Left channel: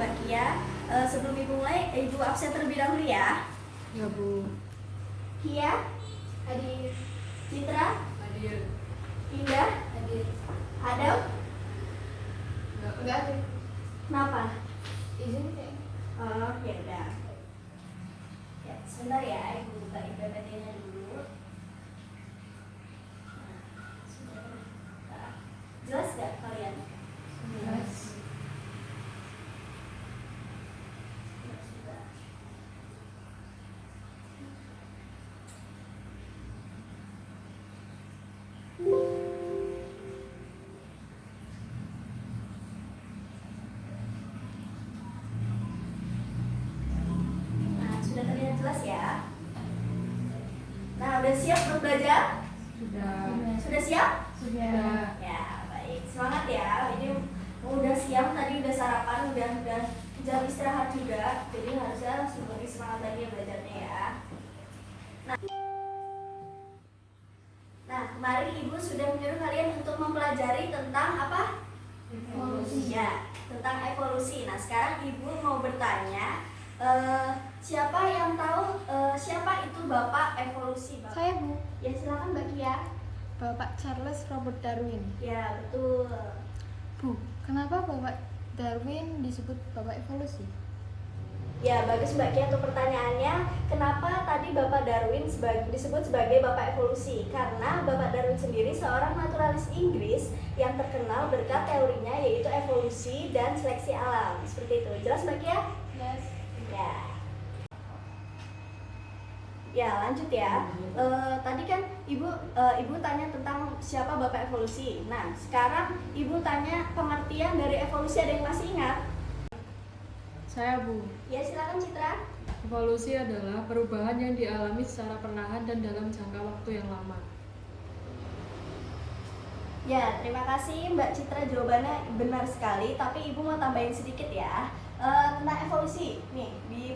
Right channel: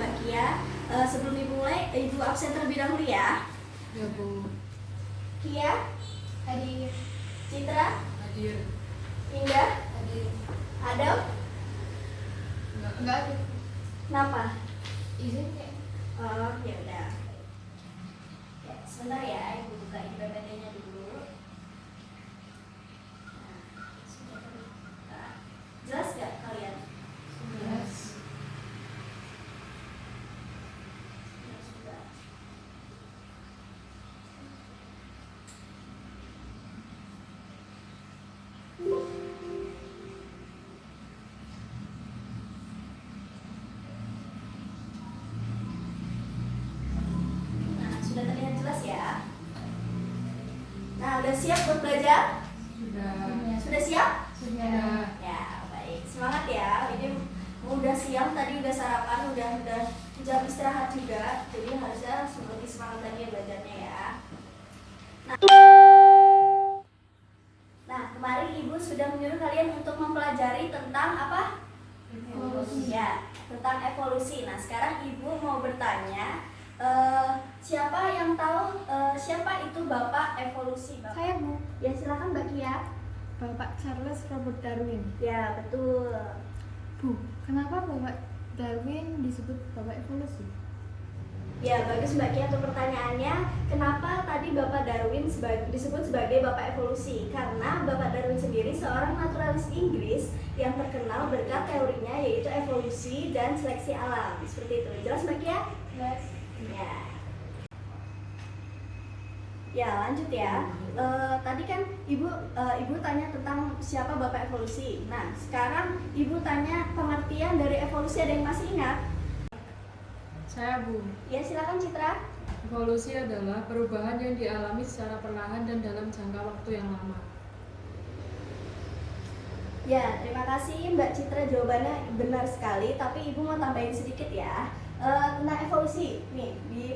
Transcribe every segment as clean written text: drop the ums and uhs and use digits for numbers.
Mbak Kia. Sebelum Ibu mulai, Ibu absen terlebih dahulu ya. Ya Bu. Kia, hadir. Citra, Hadir. Indah, Hadir. Adam. Enggak ada. Kenapa? Izin kayak. Oh, ya udah. Ya, sebentar ya, Ibu buka IPPT-nya dulu. Nah, sudah terbuka. Jelas gak kalian? Jelas. Ya, sudah. Nah, sudah terlihat jelas ya. Nah, udah siap buat belajar? Sudah. Sudah siap? Sudah. Ya, baik. Semangat ya. Ini udah siang, tadi udah sarapan, udah jam istirahat juga. Jadi harusnya langsung lebih semangat lagi ya belajarnya ya. Nah, kemarin Ibu sudah menyuruh kalian untuk mempelajari tentang apa? Evolusi. Ya, tentang evolusi. Nah, sekarang Ibu mau bertanya, siapa yang tahu siapa itu Bapak evolusi? Bapak? Saya Bu, Ya, silakan Mbak Kia. Bapak Charles Robert Darwin. Ya, betul. Bu, kenapa Bapak Darwin disebut Bapak evolusi? Ya, bagus Mbak Kia untuk pertanyaannya. Kenapa tadi Bapak Darwin disebut sebagai Bapak evolusi? Karena Bapak Darwin sendiri seorang naturalis Inggris yang terkenal berkat teorinya yaitu evolusi dan seleksi alam. Seperti itu. Jelas Mbak Kia? Jelas. Ya. Ya, lanjut ya. Tadi kan Ibu tanya tentang siapa Bapak evolusi. Nah, sekarang Ibu tanya pengertian dari evolusi, ada yang masih ingat? Saya Bu. Ya, silakan Citra. Evolusi adalah perubahan yang dialami secara perlahan dan dalam jangka waktu yang lama. Ya, terima kasih Mbak Citra, jawabannya benar sekali. Tapi Ibu mau tambahin sedikit ya. Tentang evolusi, nih di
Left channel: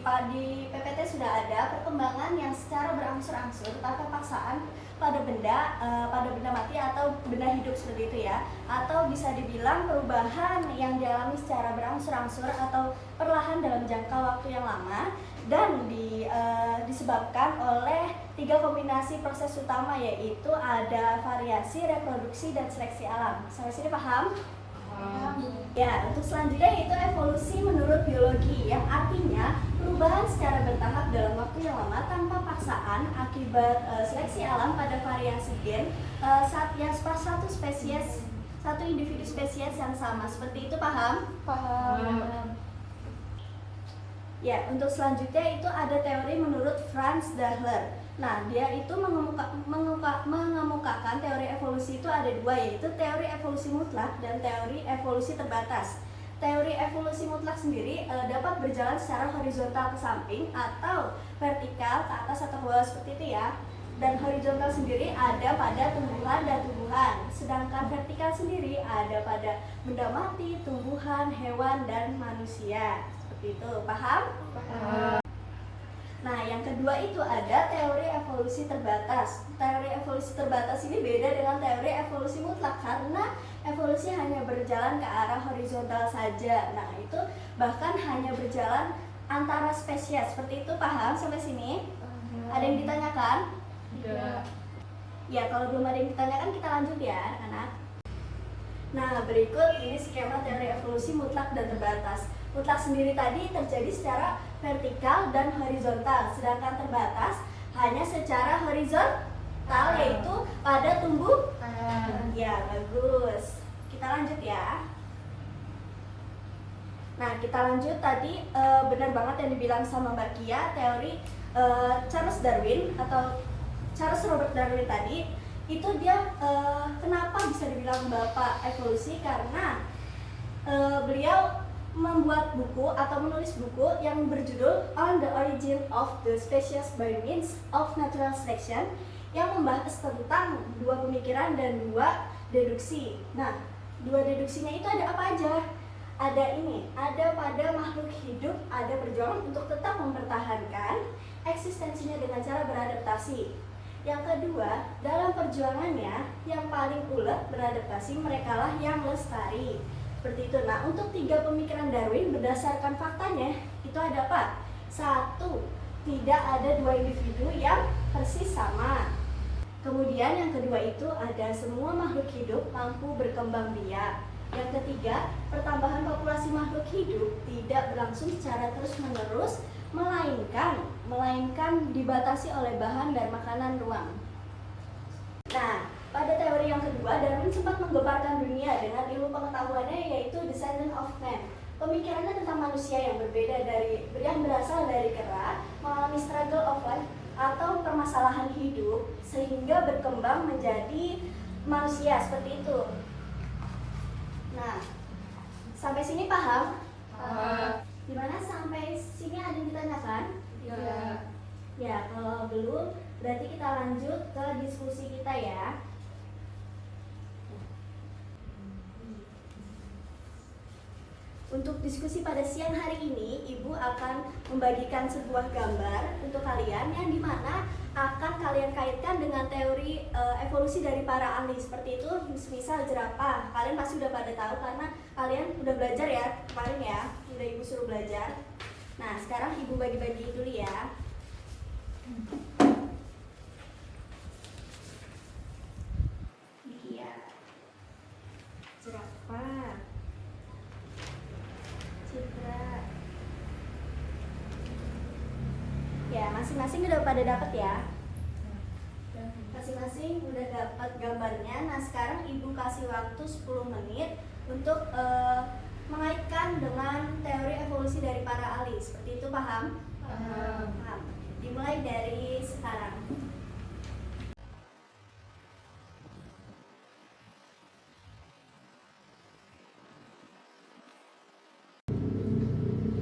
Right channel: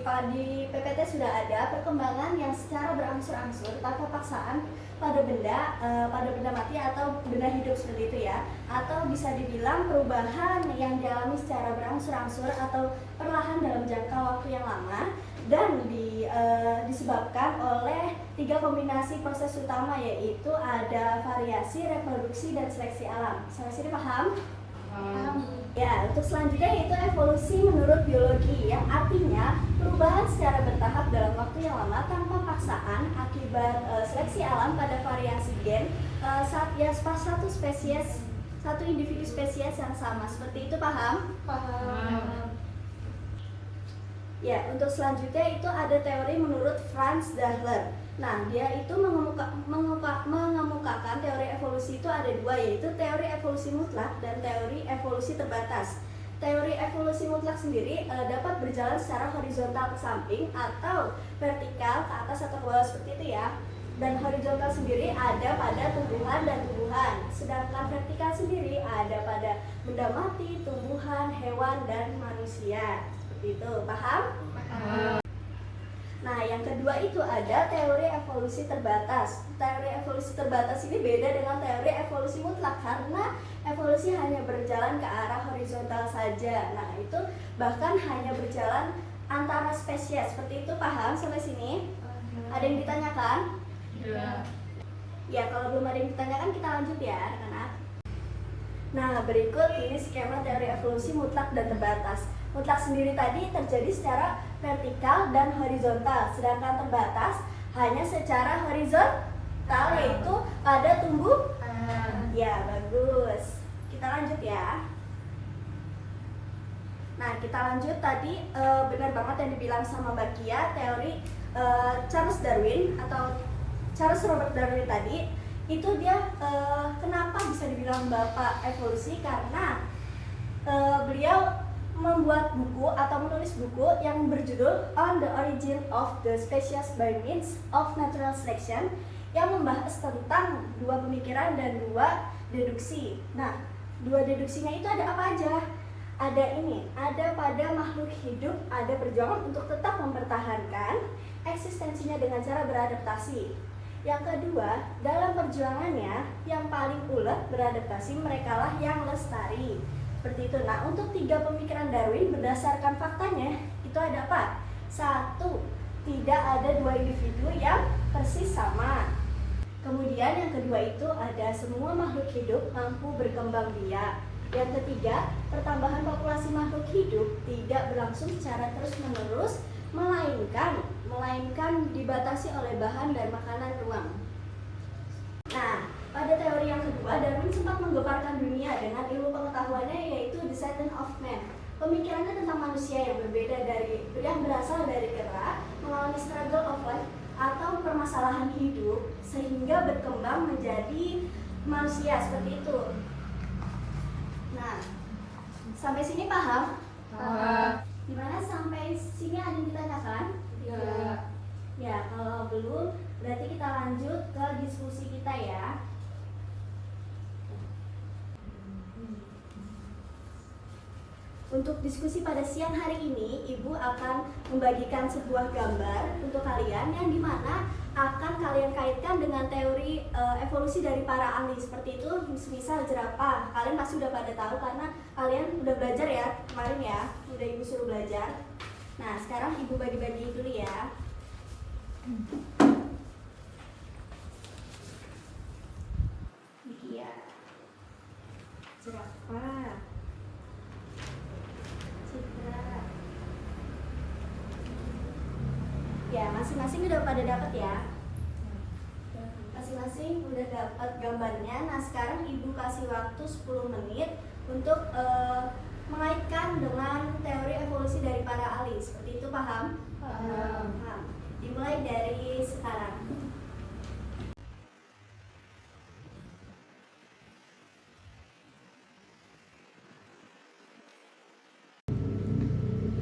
PPT sudah ada perkembangan yang secara berangsur-angsur atau paksaan pada benda mati atau benda hidup seperti itu ya, atau bisa dibilang perubahan yang dialami secara berangsur-angsur atau perlahan dalam jangka waktu yang lama dan disebabkan oleh 3 kombinasi proses utama, yaitu ada variasi, reproduksi, dan seleksi alam. Sampai sini paham? Ya, untuk selanjutnya yaitu evolusi menurut biologi, yang artinya perubahan secara bertahap dalam waktu yang lama tanpa paksaan akibat seleksi alam pada variasi gen pas satu individu spesies yang sama. Seperti itu, paham? Paham. Ya, untuk selanjutnya itu ada teori menurut Franz Dahler. Nah, dia itu mengemukakan teori evolusi itu ada 2, yaitu teori evolusi mutlak dan teori evolusi terbatas. Teori evolusi mutlak sendiri dapat berjalan secara horizontal ke samping atau vertikal ke atas atau ke bawah seperti itu ya. Dan horizontal sendiri ada pada tumbuhan dan tumbuhan, sedangkan vertikal sendiri ada pada benda mati, tumbuhan, hewan, dan manusia. Seperti itu, paham? Paham. Nah, yang kedua itu ada teori evolusi terbatas. Teori evolusi terbatas ini beda dengan teori evolusi mutlak karena evolusi hanya berjalan ke arah horizontal saja. Nah, itu bahkan hanya berjalan antara spesies. Seperti itu, paham sampai sini? Ada yang ditanyakan? Sudah. Ya, kalau belum ada yang ditanyakan kita lanjut ya, anak-anak. Nah, berikut ini skema teori evolusi mutlak dan terbatas. Mutlak sendiri tadi terjadi secara vertikal dan horizontal, sedangkan terbatas hanya secara horizontal, yaitu pada tumbuhan. Ya, bagus. Kita lanjut ya. Nah, kita lanjut tadi benar banget yang dibilang sama Mbak Kia, teori Charles Darwin atau Charles Robert Darwin tadi. Itu dia kenapa bisa dibilang Bapak evolusi, karena beliau membuat buku atau menulis buku yang berjudul On the Origin of the Species by Means of Natural Selection, yang membahas tentang 2 pemikiran dan 2 deduksi. Nah, 2 deduksinya itu ada apa aja? Ada pada makhluk hidup ada perjuangan untuk tetap mempertahankan eksistensinya dengan cara beradaptasi. Yang kedua, dalam perjuangannya yang paling ulet beradaptasi, merekalah yang lestari. Seperti itu. Nah, untuk 3 pemikiran Darwin berdasarkan faktanya itu ada apa? 1. Tidak ada 2 individu yang persis sama. Kemudian yang kedua itu ada semua makhluk hidup mampu berkembang biak. Yang ketiga, pertambahan populasi makhluk hidup tidak berlangsung secara terus-menerus, melainkan dibatasi oleh bahan dan makanan ruang. Nah, pada teori yang kedua, Darwin sempat menggemparkan dunia dengan ilmu pengetahuannya yaitu Descendant of Man. Pemikirannya tentang manusia yang berbeda yang berasal dari kera, mengalami struggle of life atau permasalahan hidup sehingga berkembang menjadi manusia seperti itu. Nah, sampai sini paham? Gimana sampai sini ada yang ditanyakan? Ya. Ya, kalau belum berarti kita lanjut ke diskusi kita ya. Untuk diskusi pada siang hari ini, Ibu akan membagikan sebuah gambar untuk kalian yang dimana akan kalian kaitkan dengan teori evolusi dari para ahli. Seperti itu, misal jerapah. Kalian pasti udah pada tahu karena kalian udah belajar ya kemarin ya, udah Ibu suruh belajar. Nah, sekarang Ibu bagi-bagi dulu ya. Iya. Jerapah. Ya, masing-masing udah pada dapat ya. Masing-masing udah dapat gambarnya. Nah, sekarang Ibu kasih waktu 10 menit untuk mengaitkan dengan teori evolusi dari para ahli. Seperti itu, paham? Paham. Dimulai dari sekarang.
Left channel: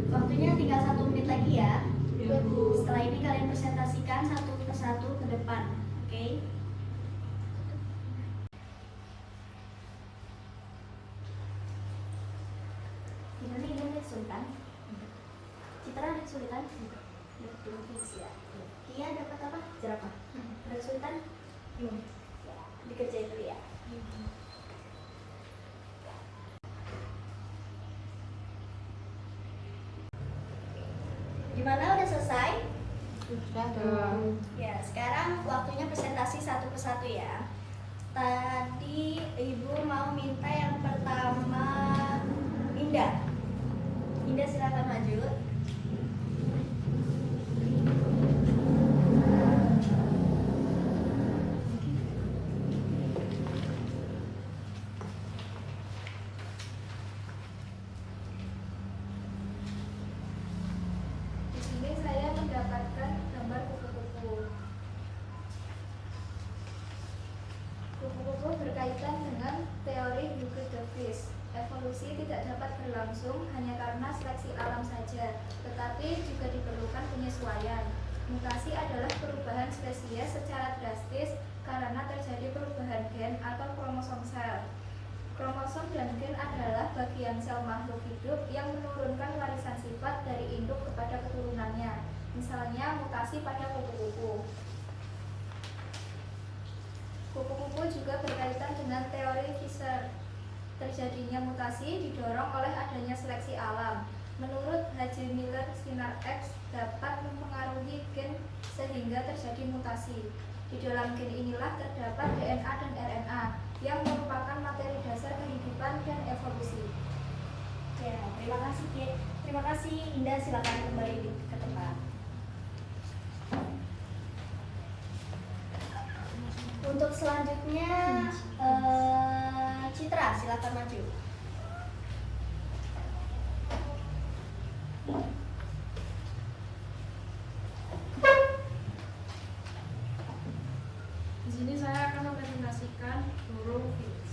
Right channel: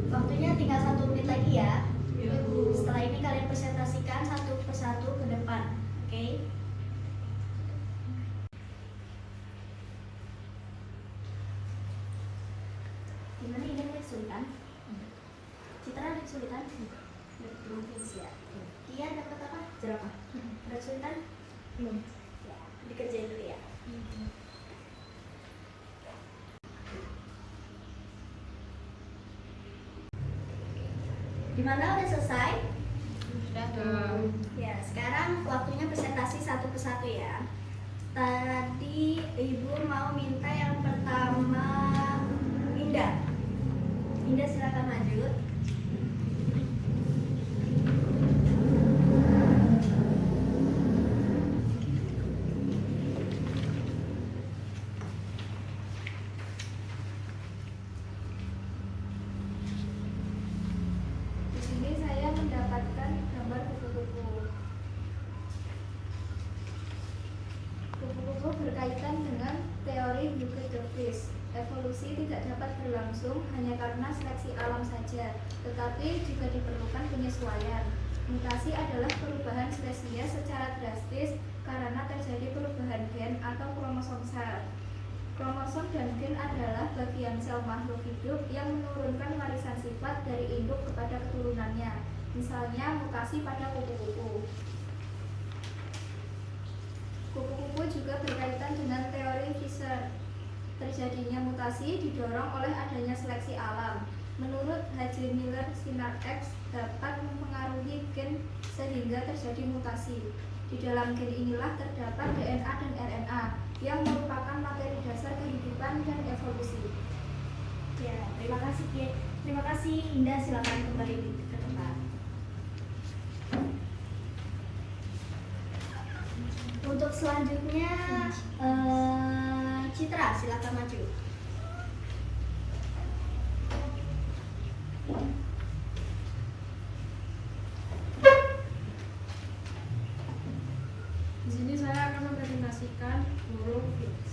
Waktunya tinggal 1 menit lagi ya. Setelah ini kalian presentasikan satu persatu ke depan, oke? Gimana ini kesulitan? Citra ada kesulitan? Belum ya. Kia dapat apa? Jerapah. Ada kesulitan? Belum. Ya, dikerjain dulu ya. Gimana, udah selesai? Ya, sekarang waktunya presentasi satu persatu ya. Tadi Ibu mau minta yang pertama Indah. Indah silakan maju. Di sini saya mendapatkan gambar kupu-kupu. Kupu-kupu berkaitan dengan teori Hugo de Vries. Evolusi tidak dapat berlangsung hanya karena seleksi alam saja, tetapi juga diperlukan penyesuaian. Mutasi adalah perubahan spesies secara drastis karena terjadi perubahan gen atau kromosom sel. Kromosom dan gen adalah bagian sel makhluk hidup yang menurunkan warisan sifat dari induk kepada keturunannya. Misalnya mutasi pada kupu-kupu. Kupu-kupu juga berkaitan dengan teori Fischer. Terjadinya mutasi didorong oleh adanya seleksi alam. Menurut H.J. Miller, sinar X dapat mempengaruhi gen sehingga terjadi mutasi. Di dalam gen inilah terdapat DNA dan RNA yang merupakan materi dasar kehidupan dan evolusi. Ya, terima kasih. Terima kasih Indah, silakan kembali ke tempat. Untuk selanjutnya Citra, silakan maju. Di sini saya akan mempresentasikan burung Finch.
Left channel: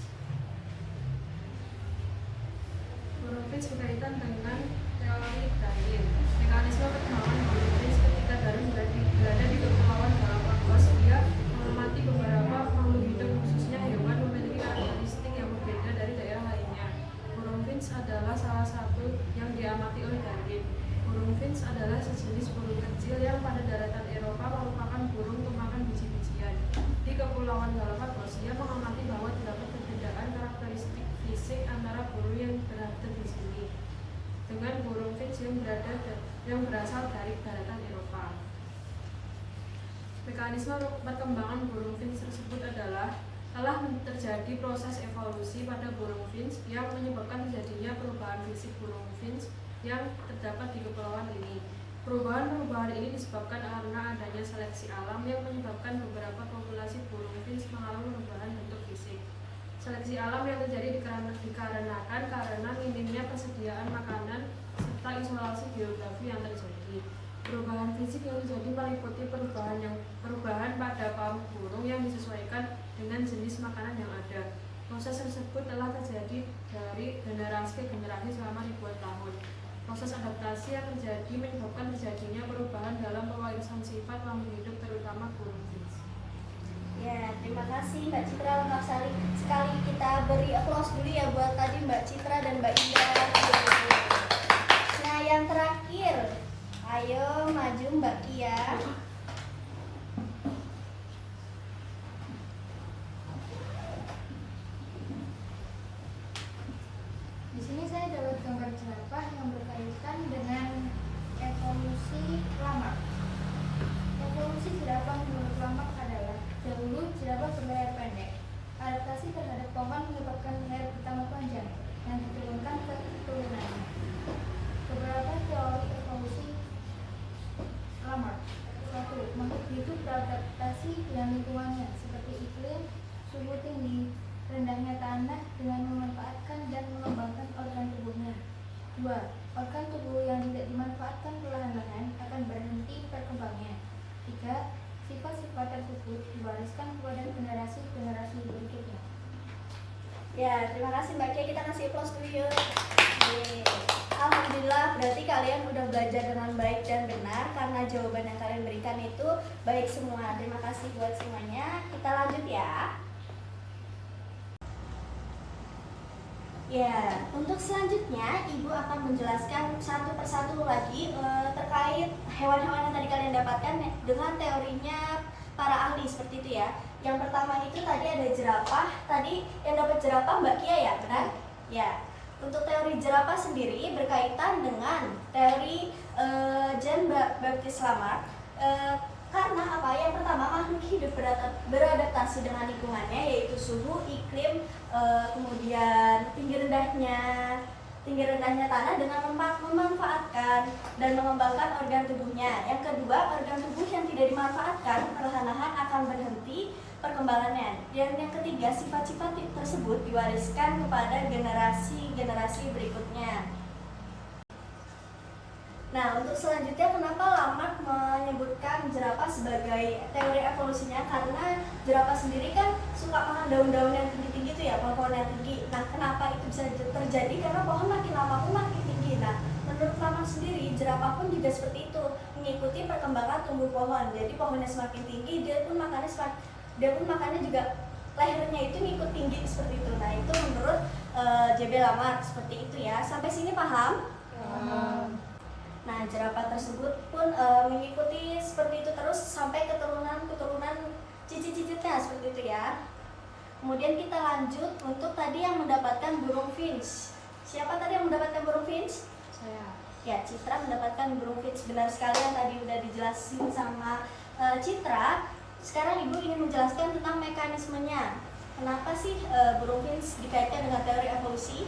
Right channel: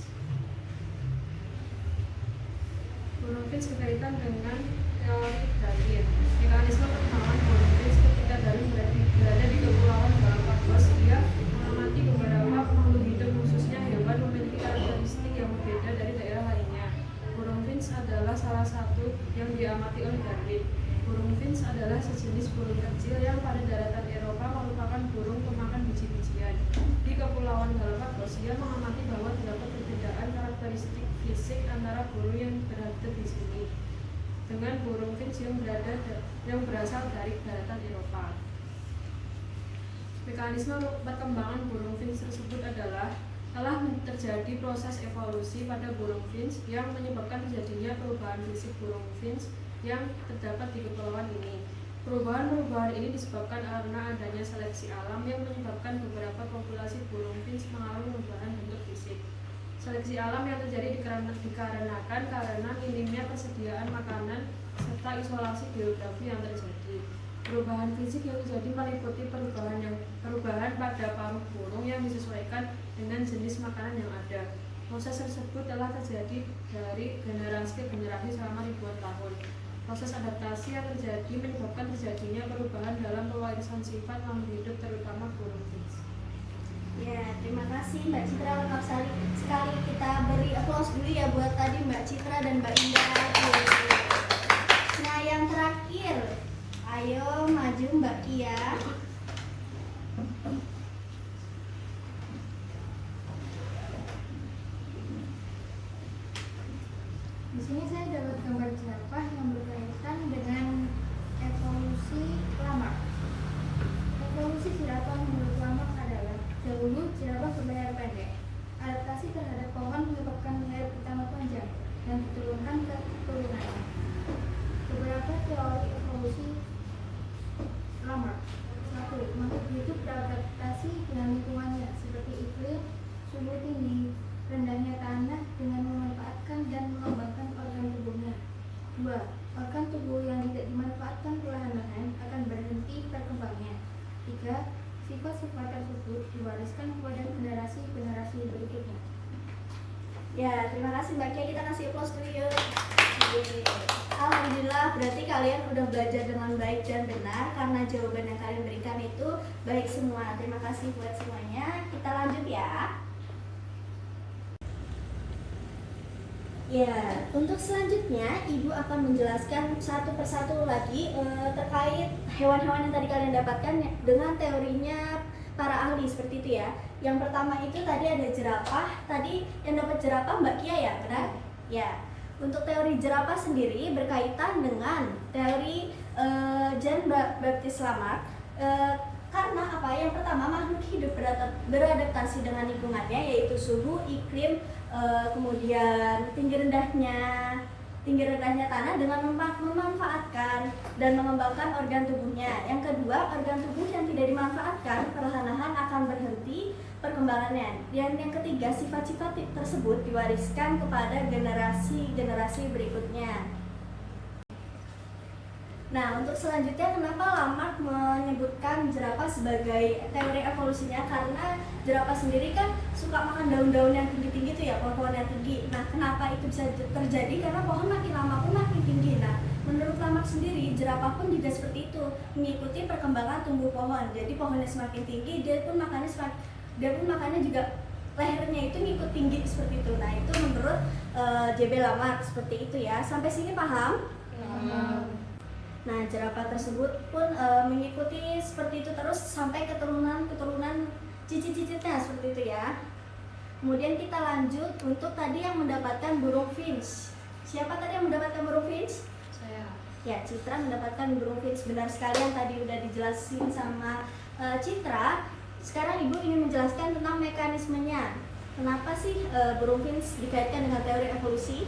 Burung Finch berkaitan dengan teori Darwin. Mekanisme perkembangan burung Finch ketika Darwin berada di Kepulauan Galapagos, dia mengamati beberapa makhluk hidup khususnya hewan memiliki karakteristik yang berbeda dari daerah lainnya. Burung Finch adalah salah satu yang diamati oleh Darwin. Burung Finch adalah sejenis burung kecil yang pada daratan Eropa merupakan burung pemakan biji-bijian. Di Kepulauan Galapagos, dia mengamati bahwa terdapat perbedaan karakteristik fisik antara burung yang berhabitat di sini dengan burung finch yang berasal dari daratan Eropa. Mekanisme perkembangan burung finch tersebut adalah telah terjadi proses evolusi pada burung finch yang menyebabkan terjadinya perubahan fisik burung finch yang terdapat di kepulauan ini. Perubahan-perubahan ini disebabkan karena adanya seleksi alam yang menyebabkan beberapa populasi burung finch mengalami perubahan bentuk fisik. Seleksi alam yang terjadi dikarenakan karena minimnya persediaan makanan serta isolasi geografi yang terjadi. Perubahan fisik yang terjadi meliputi perubahan pada paruh burung yang disesuaikan dengan jenis makanan yang ada. Proses tersebut telah terjadi dari generasi ke generasi selama ribuan tahun. Proses adaptasi yang terjadi menyebabkan terjadinya perubahan dalam pewarisan sifat makhluk hidup terutama burung finch. Ya, terima kasih Mbak Citra, lengkap sekali. Kita beri aplaus dulu ya buat tadi Mbak Citra dan Mbak Indah. Nah, yang terakhir, ayo maju Mbak Kia. Di sini saya dapat gambar jerapah yang berkaitan dengan evolusi lamak. Evolusi jerapah menurut lamak adalah dahulu jerapah berlayar pendek. Adaptasi terhadap pohon menyebabkan leher pertama panjang dan diturunkan ke turunannya. Beberapa teori evolusi lamak. 1. Makhluk hidup beradaptasi dengan lingkungannya seperti iklim, suhu tinggi, rendahnya tanah dengan memanfaatkan dan mengembangkan organ tubuhnya. 2. Organ tubuh yang tidak dimanfaatkan perlahan-lahan akan berhenti berkembangnya. 3. Sifat-sifat tersebut diwariskan kepada generasi-generasi berikutnya. Ya, terima kasih Mbak Kia, kita kasih aplaus dulu yuk. Yeay. Alhamdulillah, berarti kalian udah belajar dengan baik dan benar karena jawaban yang kalian berikan itu baik semua. Terima kasih buat semuanya. Kita lanjut ya. Ya, untuk selanjutnya Ibu akan menjelaskan satu persatu lagi terkait hewan-hewan yang tadi kalian dapatkan dengan teorinya para ahli seperti itu ya. Yang pertama itu tadi ada jerapah. Tadi yang dapat jerapah Mbak Kia ya, benar? Ya. Untuk teori jerapah sendiri berkaitan dengan teori Jean Baptiste Lamarck. Karena apa? Yang pertama, makhluk hidup beradaptasi dengan lingkungannya, yaitu suhu, iklim, kemudian tinggi rendahnya tanah dengan memanfaatkan dan mengembangkan organ tubuhnya. Yang kedua, organ tubuh yang tidak dimanfaatkan perlahan-lahan akan berhenti perkembangannya. Dan yang ketiga, sifat-sifat tersebut diwariskan kepada generasi-generasi berikutnya. Nah, untuk selanjutnya kenapa Lamarck menyebutkan jerapah sebagai teori evolusinya? Karena jerapah sendiri kan suka makan daun-daun yang tinggi-tinggi itu ya, pohon yang tinggi. Nah, kenapa itu bisa terjadi? Karena pohon makin lama pun makin tinggi. Nah, menurut Lamarck sendiri, jerapah pun juga seperti itu, mengikuti perkembangan tumbuh pohon. Jadi pohonnya semakin tinggi, dia pun makannya juga lehernya itu ngikut tinggi seperti itu. Nah, itu menurut J.B. Lamarck seperti itu ya. Sampai sini paham? Paham. Nah, jerapah tersebut pun mengikuti seperti itu terus sampai keturunan cicit-cicitnya seperti itu ya. Kemudian kita lanjut untuk tadi yang mendapatkan burung finch. Siapa tadi yang mendapatkan burung finch? Saya. Ya, Citra mendapatkan burung finch. Benar sekali yang tadi udah dijelasin sama Citra. Sekarang Ibu ingin menjelaskan tentang mekanismenya. Kenapa sih burung finch dikaitkan dengan teori evolusi?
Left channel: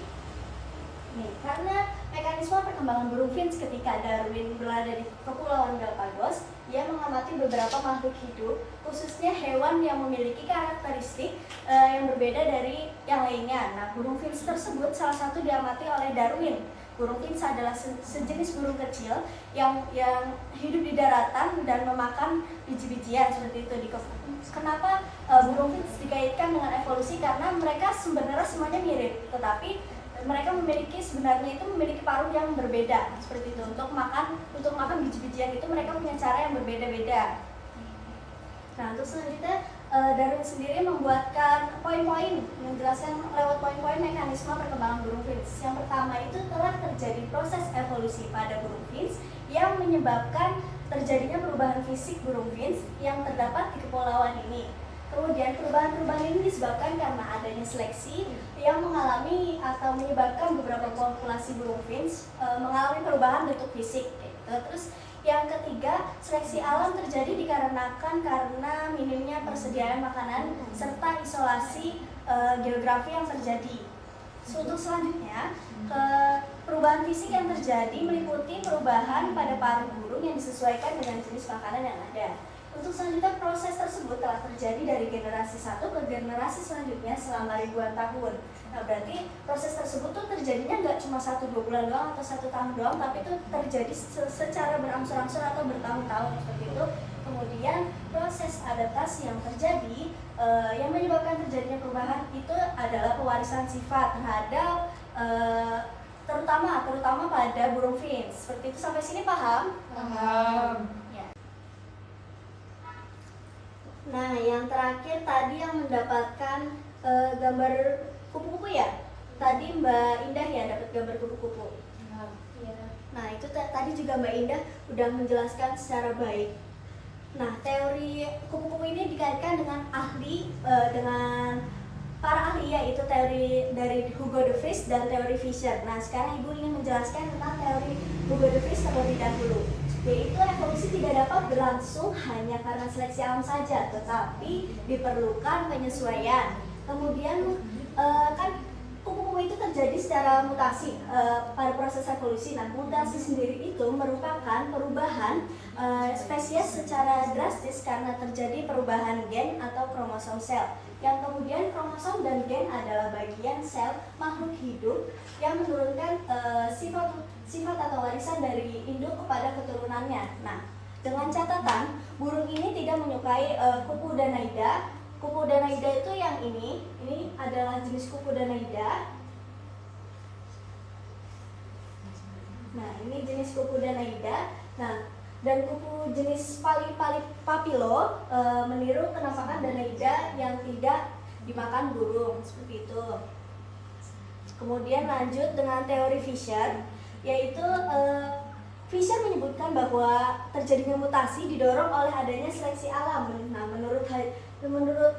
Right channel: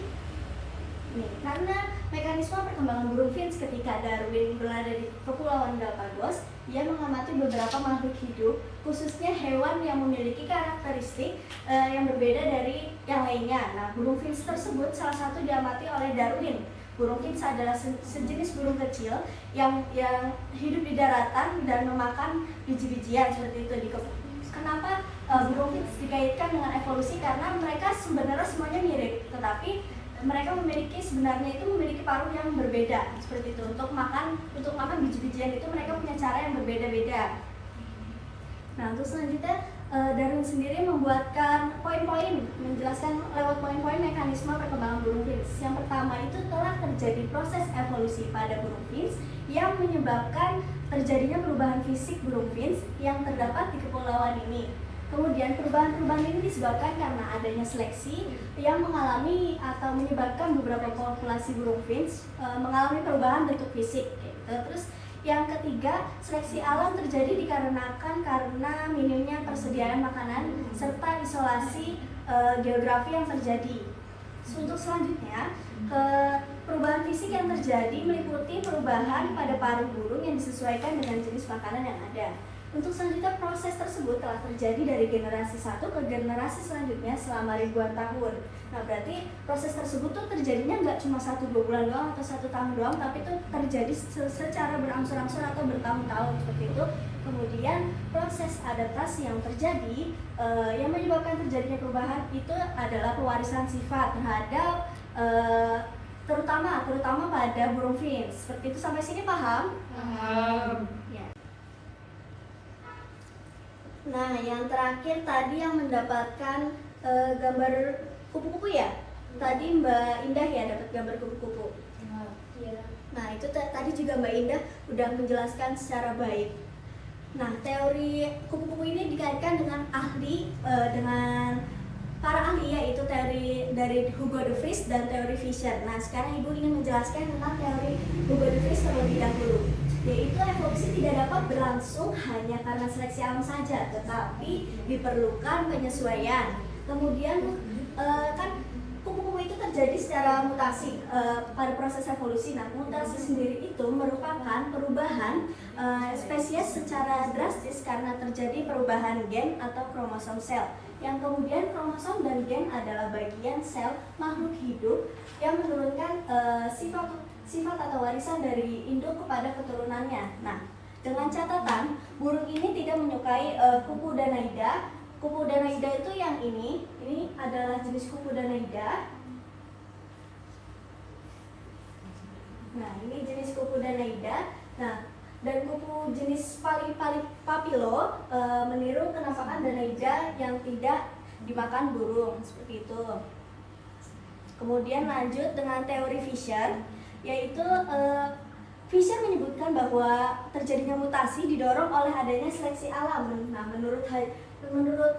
Nih, karena mekanisme perkembangan burung finch ketika Darwin berada di Kepulauan Galapagos, ia mengamati beberapa makhluk hidup, khususnya hewan yang memiliki karakteristik yang berbeda dari yang lainnya. Nah, burung finch tersebut salah satu diamati oleh Darwin. Burung finch adalah sejenis burung kecil yang hidup di daratan dan memakan biji-bijian seperti itu. Kenapa burung finch dikaitkan dengan evolusi? Karena mereka sebenarnya semuanya mirip, tetapi mereka sebenarnya memiliki paruh yang berbeda seperti itu. Untuk makan biji-bijian itu mereka punya cara yang berbeda-beda. Nah, untuk selanjutnya Darwin sendiri membuatkan poin-poin, menjelaskan lewat poin-poin mekanisme perkembangan burung finch. Yang pertama itu telah terjadi proses evolusi pada burung finch yang menyebabkan terjadinya perubahan fisik burung finch yang terdapat di kepulauan ini. Kemudian perubahan-perubahan ini disebabkan karena adanya seleksi yang mengalami atau menyebabkan beberapa populasi burung finch mengalami perubahan bentuk fisik gitu. Terus yang ketiga, seleksi alam terjadi dikarenakan karena minimnya persediaan makanan serta isolasi geografi yang terjadi. Untuk selanjutnya, perubahan fisik yang terjadi meliputi perubahan pada paruh burung yang disesuaikan dengan jenis makanan yang ada. Untuk selanjutnya, proses tersebut telah terjadi dari generasi satu ke generasi selanjutnya selama ribuan tahun. Nah, berarti proses tersebut tuh terjadinya nggak cuma 1-2 bulan doang atau 1 tahun doang, tapi itu terjadi secara berangsur-angsur atau bertahun-tahun seperti itu. Kemudian proses adaptasi yang terjadi yang menyebabkan terjadinya perubahan itu adalah pewarisan sifat terhadap terutama pada burung finch. Seperti itu, sampai sini paham? Paham. Ya. Nah, yang terakhir tadi yang mendapatkan gambar kupu-kupu ya. Tadi Mbak Indah ya dapat gambar kupu-kupu. Nah, itu tadi juga Mbak Indah udah menjelaskan secara baik. Nah, teori kupu-kupu ini dikaitkan dengan dengan para ahli, yaitu teori dari Hugo de Vries dan teori Fisher. Nah, sekarang Ibu ingin menjelaskan tentang teori Hugo de Vries terlebih dahulu, yaitu evolusi tidak dapat berlangsung hanya karena seleksi alam saja, tetapi diperlukan penyesuaian. Kemudian kan kupu-kupu itu terjadi secara mutasi pada proses evolusi. Nah, mutasi sendiri itu merupakan perubahan spesies secara drastis karena terjadi perubahan gen atau kromosom sel. Yang kemudian kromosom dan gen adalah bagian sel makhluk hidup yang menurunkan sifat atau warisan dari induk kepada keturunannya. Nah, dengan catatan burung ini tidak menyukai kupu Danaida. Kupu Danaida itu yang ini adalah jenis kupu Danaida. Nah, ini jenis kupu Danaida. Nah, dan kupu jenis Papilo meniru penampakan Danaida yang tidak dimakan burung, seperti itu. Kemudian lanjut dengan teori Fisher, yaitu Fisher menyebutkan bahwa terjadinya mutasi didorong oleh adanya seleksi alam. Nah, menurut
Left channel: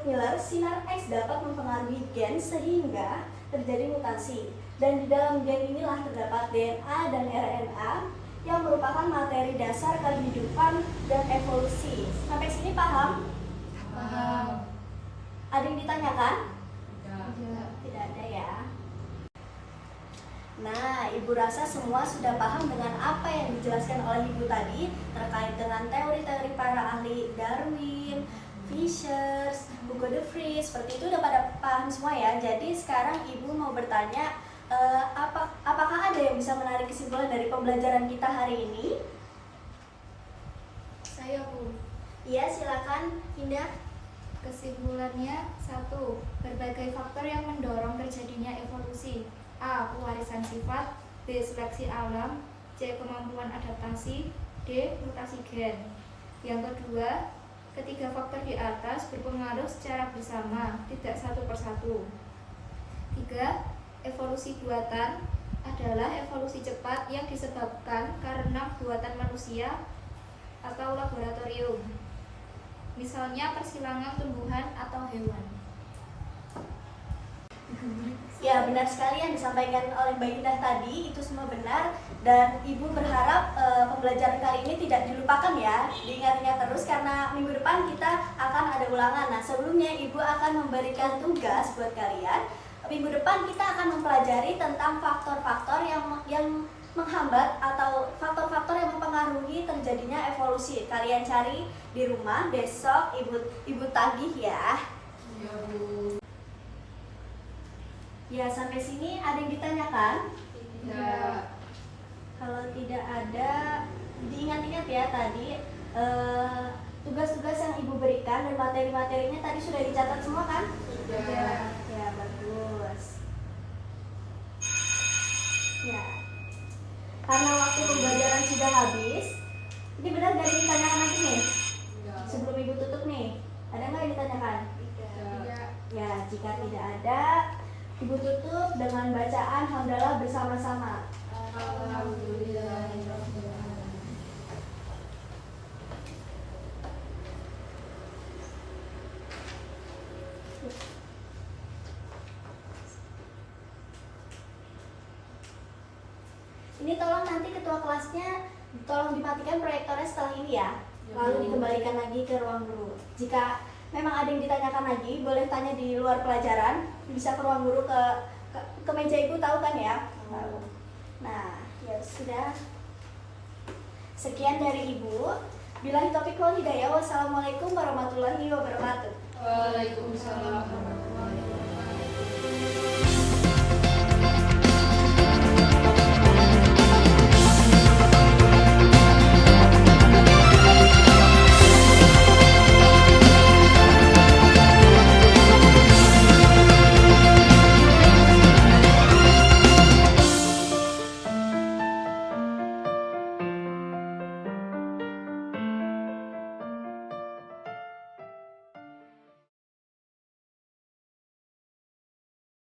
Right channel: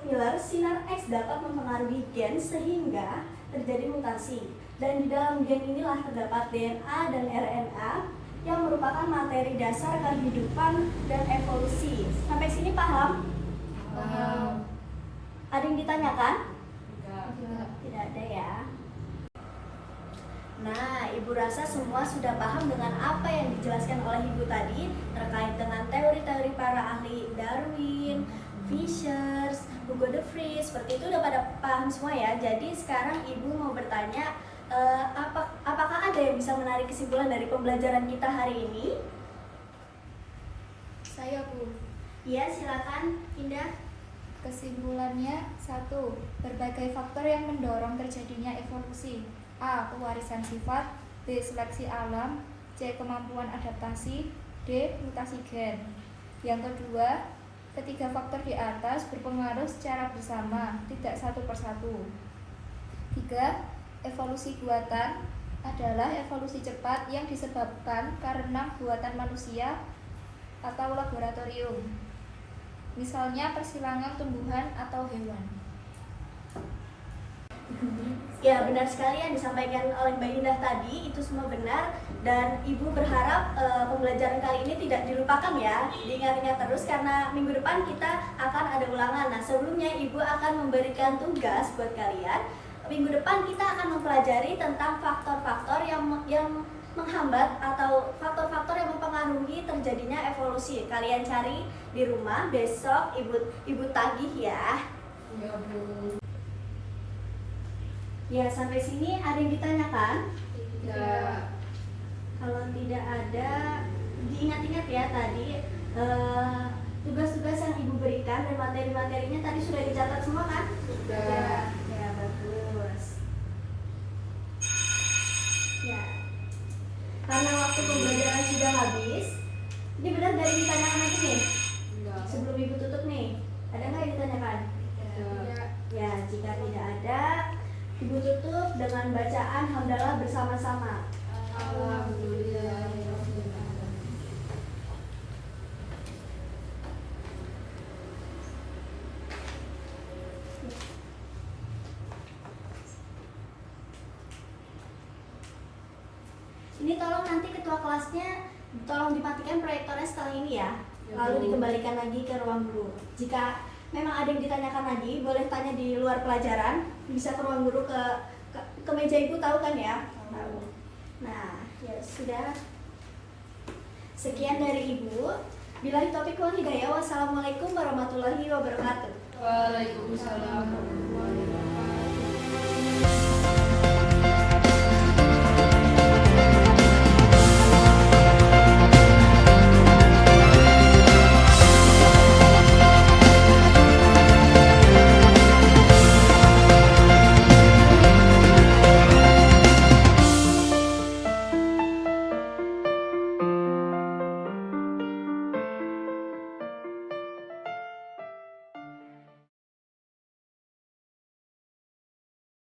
Miller, sinar X dapat mempengaruhi gen sehingga terjadi mutasi. Dan di dalam gen inilah terdapat DNA dan RNA yang merupakan materi dasar kehidupan dan evolusi. Sampai sini paham? Paham. Ada yang ditanyakan? Tidak. Tidak ada ya. Nah, Ibu rasa semua sudah paham dengan apa yang dijelaskan oleh Ibu tadi terkait dengan teori-teori para ahli Darwin, Fisher, Hugo de Vries. Seperti itu udah pada paham semua ya. Jadi sekarang Ibu mau bertanya, apakah ada yang bisa menarik kesimpulan dari pembelajaran kita hari ini? Saya, Bu. Iya, silakan Indah. Kesimpulannya, 1. Berbagai faktor yang mendorong terjadinya evolusi. A. Pewarisan sifat. B. Seleksi alam. C. Kemampuan adaptasi. D. Mutasi gen. Yang kedua, ketiga faktor di atas berpengaruh secara bersama, tidak satu persatu. 3. Evolusi buatan adalah evolusi cepat yang disebabkan karena buatan manusia atau laboratorium. Misalnya persilangan tumbuhan atau hewan. Ya, benar sekali yang disampaikan oleh Mbak Indah tadi, itu semua benar. Dan Ibu berharap pembelajaran kali ini tidak dilupakan ya, diingat-ingat terus karena minggu depan kita akan ada ulangan. Nah, sebelumnya Ibu akan memberikan tugas buat kalian. Minggu depan kita akan mempelajari tentang faktor-faktor yang menghambat atau faktor-faktor yang mempengaruhi terjadinya evolusi. Kalian cari di rumah, besok Ibu tagih ya. Ya, Bu. Ya, sampai sini ada yang ditanyakan? Tidak. Kalau tidak ada, diingat-ingat ya tadi tugas-tugas yang Ibu berikan dan materi-materinya tadi sudah dicatat semua kan? Sudah. Ya, bagus. Ya. Karena waktu pembelajaran sudah habis, ini benar dari ditanyakan lagi nih? Tidak. Sebelum Ibu tutup nih, ada nggak yang ditanyakan? Tidak. Ya, jika tidak ada, Ibu tutup dengan bacaan hamdalah bersama-sama. Alhamdulillah. Ini tolong nanti ketua kelasnya tolong dimatikan proyektornya setelah ini ya. Lalu dikembalikan lagi ke ruang guru. Jika memang ada yang ditanyakan lagi, boleh tanya di luar pelajaran. Bisa ke ruang guru ke meja ibu, tahu kan ya? Tahu. Nah, ya sudah. Sekian dari ibu. Billahi taufiq wal hidayah. Wassalamualaikum warahmatullahi wabarakatuh. Waalaikumsalam.